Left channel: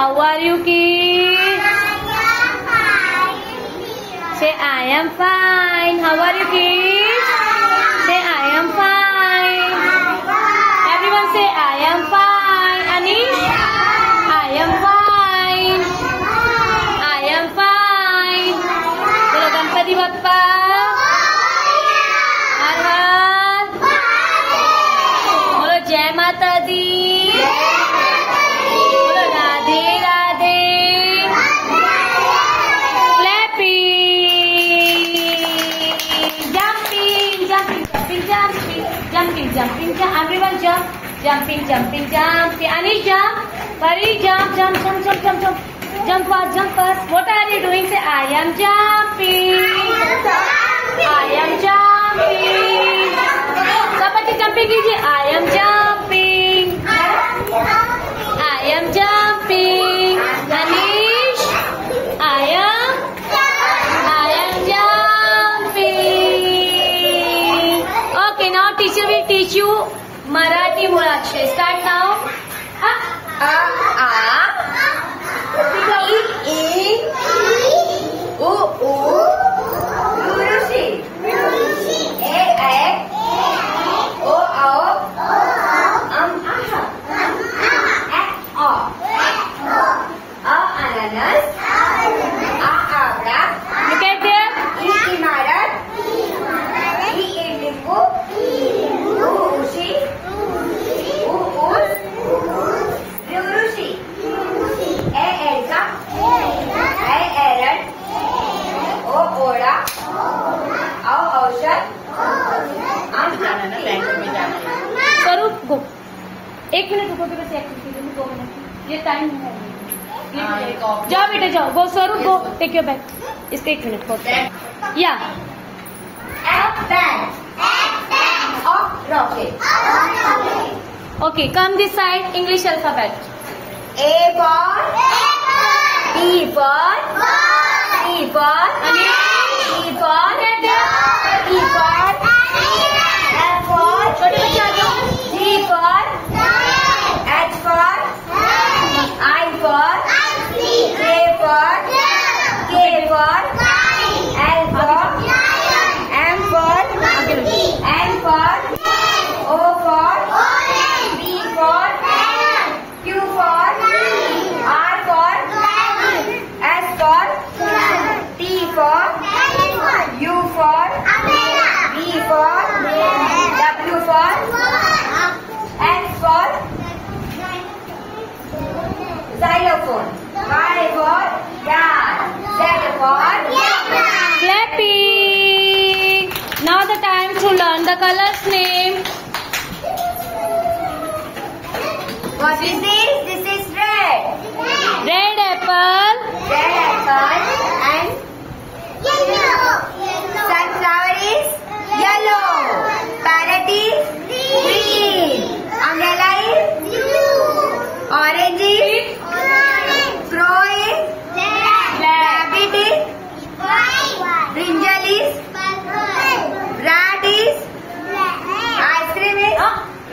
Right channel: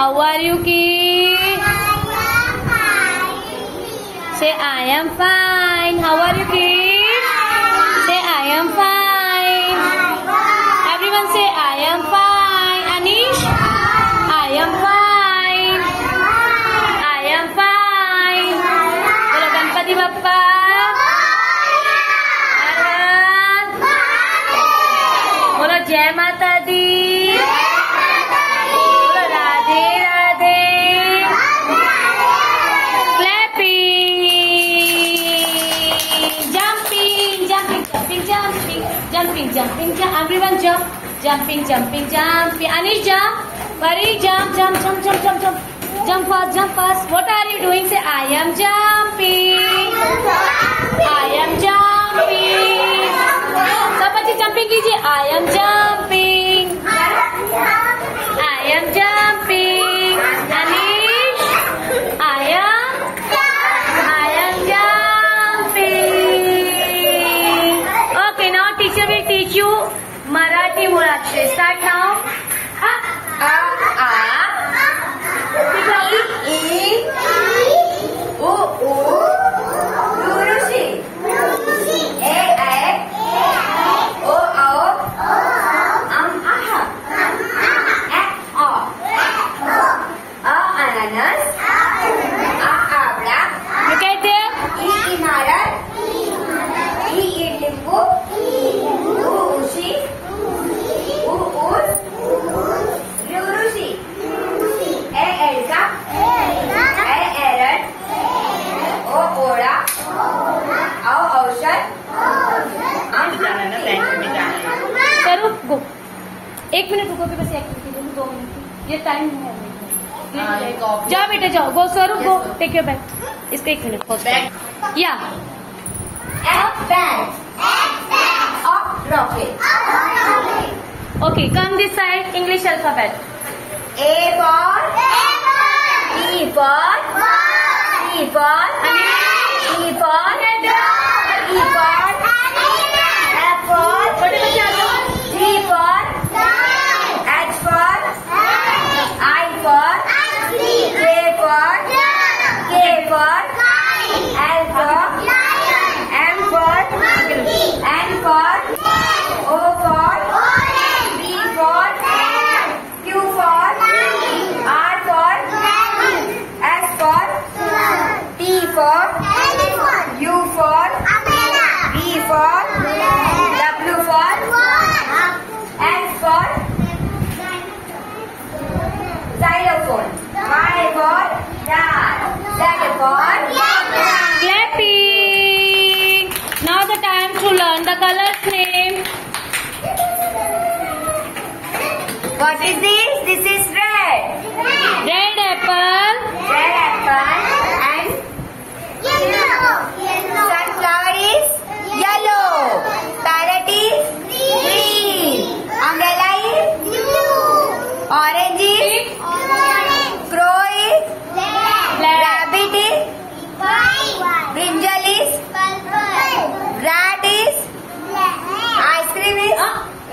How are you, kids? Say, I am fine. How are you, kids? Say, I am fine. Everyone say, I am fine. Anish? I am fine. I am fine. Bolo Ganpati Bappa. Bolo Jai Mata Di. Bolo Radhe Radhe. Jumping, jump. Everyone jump. Jumping. Anish jump. Pari jump. Jump fast. What are you doing? Say, I am jumping. I am jumping. Sabati jumping कीजिए. I am jumping. I am jumping. Anish. I am jumping. Okay, now teacher will teach you Marathi Mulakshay. Start now. I, U, Rushi. A, O, aha. Ananas. Abra. Look at there. Imarat. Limbu. Urushi. Rurushi. Elsa. Aaron. Oda. औषध. करो गो. 1 minute रुको तो बस activity करो. 2 minute. ये time है. जाओ बेटा जाओ. गो स्वरूप गो. Take your bag. इसका 1 मिनट फर्स्ट. या. Rocket. Okay, come this side. English alphabet. A for E for E for E for E for F for छोटे बच्चे आ जाओ. G for H for I for K for L for M for N for O for P for Q for R for S for T for U for V for W for X for xylophone. Y for yak. Z for clapping. Now the time to learn the colors name. What is this? This is red. Red apple. And yellow. Sunflower is yellow. Parrot is green. Umbrella is blue. Orange is crow is rabbit is brinjal is rat is ice cream is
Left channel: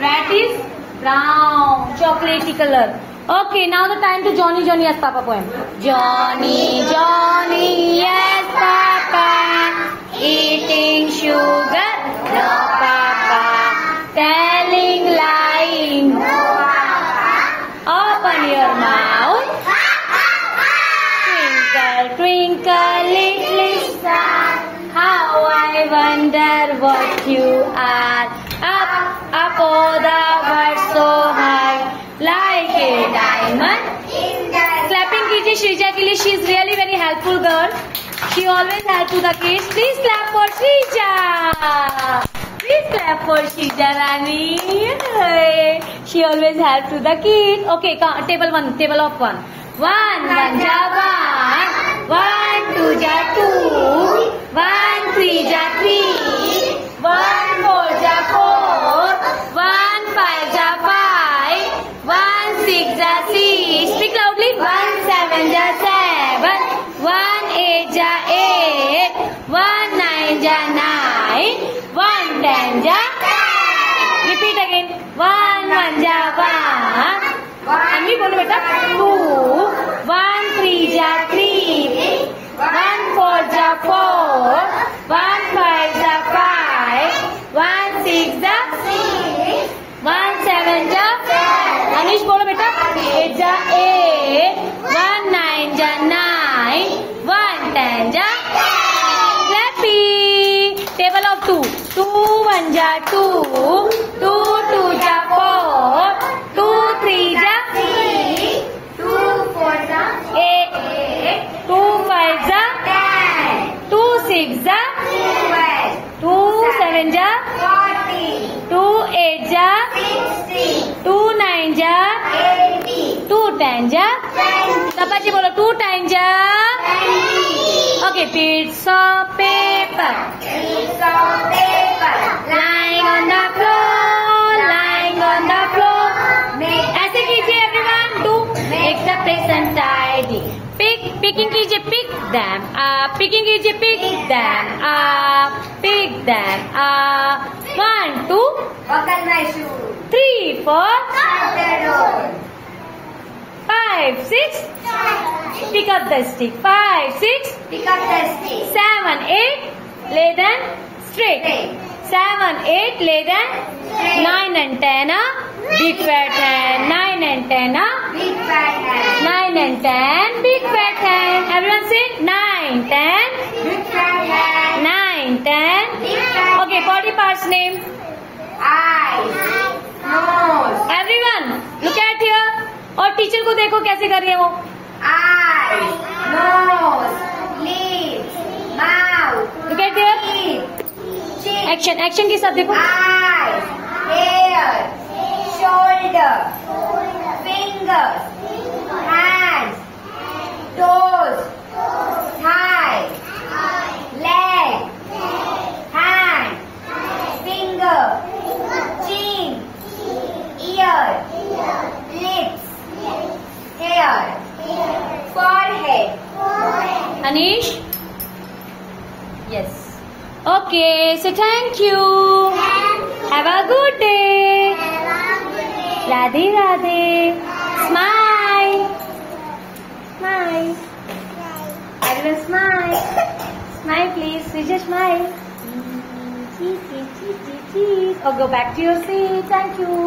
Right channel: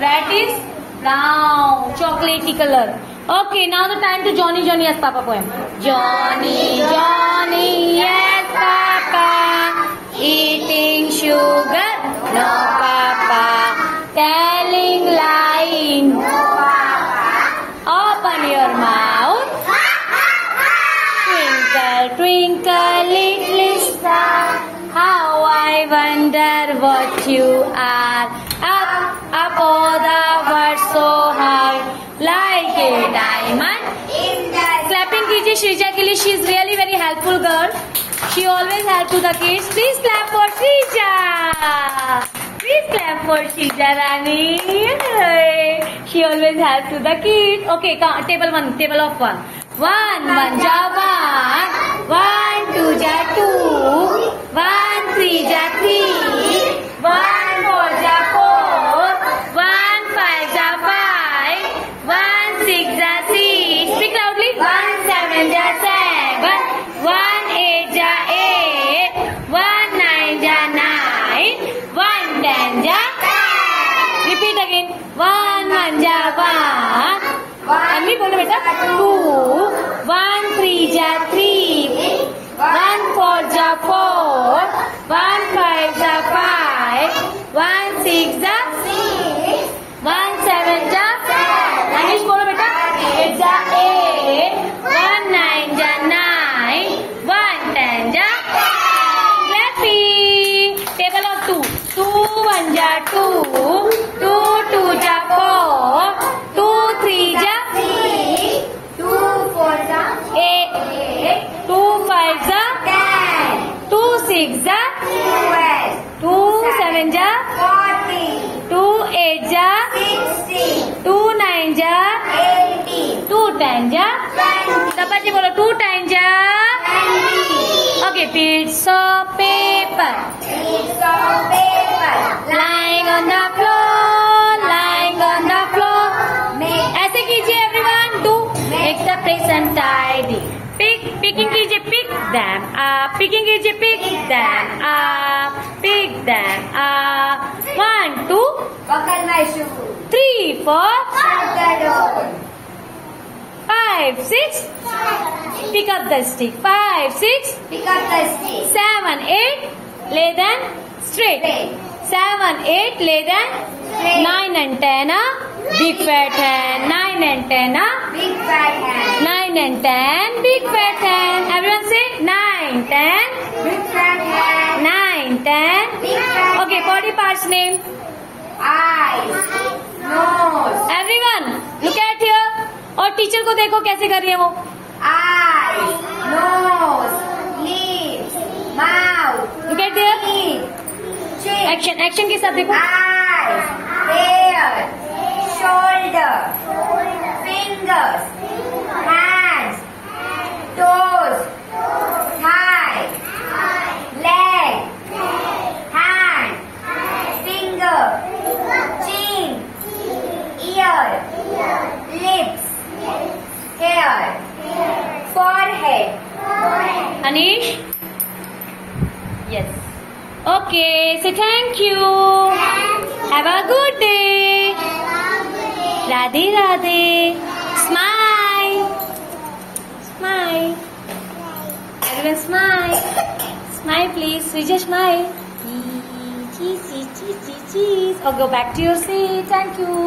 rat is brown, chocolatey color. Okay, now the time to Johnny yes Papa poem. Johnny yes Papa, eating sugar no Papa, telling lying no Papa. Open your mouth. Twinkle twinkle little star, how I wonder what you are. Up oh the world so high, like a diamond in the clapping कीजिए श्रीजा के लिए. She is really very helpful girl. She always help to the kids. Please clap for Sreeja. Please clap for Sreeja Rani. She always help to the kids. Okay, table of 1. 1 ja 1. 1 2 ja 2. 1 3 ja 3. 1 4 ja 4. 1 5 ja 5. 1 6 ja 6. Speak loudly. 1 7 ja 7. 1 8 ja 8. 1 9 ja 9. 1 10 ja 10. Repeat again. 1 1 ja 1. And me बोलो बेटा 2. are 4. 1 5 are 5. 1 6 are 6. 1 7 are 7. Anish बोलो बेटा. 8 are 8. 1 9 are 9. 1 10 are 10. Clappy. Table of 2. 2 1 are 2. 2 2 are 4. 2 3 are 3. 2 4 are 8. 2 5 are 10. 2 6 are 12. 2 7 are 40. 2 8 are 60. 2 9 are 80. 2 10 are 20. Papaji bolo 2 10 are 20. Okay, bits of paper. Bits of paper. Lying on the floor. Lying on the floor. ऐसे कीजिए everyone. Do make the place untidy. Picking कीजिए, pick them up. Picking कीजिए, pick them up. Pick them up. 1 2 Buckle my shoe. 3 4 Shut the door. 5 6 pick up the stick. 5 6 Pick up the stick. 7 8 lay them straight. 7 8 lay them. 9 and 10 are big fat hand. 9 and 10 are Big fat hand. 9 and 10 big fat hand. Everyone say 9 10 Big fat hand. 9 10. Big fat Okay, body parts name. eyes. Nose. Everyone look at here. और teacher को देखो कैसे कर रही है वो. Eyes. Nose. Lips. Mouth. Look at there. Teeth. Chin. Action के साथ देखो. Eyes. Hair. Shoulder. Fingers. Hands. Toes. Thigh. Leg. Hand. Finger. Chin. Ear. Lips. Hair. Forehead. Anish? Yes. Okay, so thank you. Have a good day. Radhe Radhe. Smile. Smile. Everyone smile. Smile please. Switch smile. Cheese, cheese, cheese, cheese. Or go back to your seat. Thank you.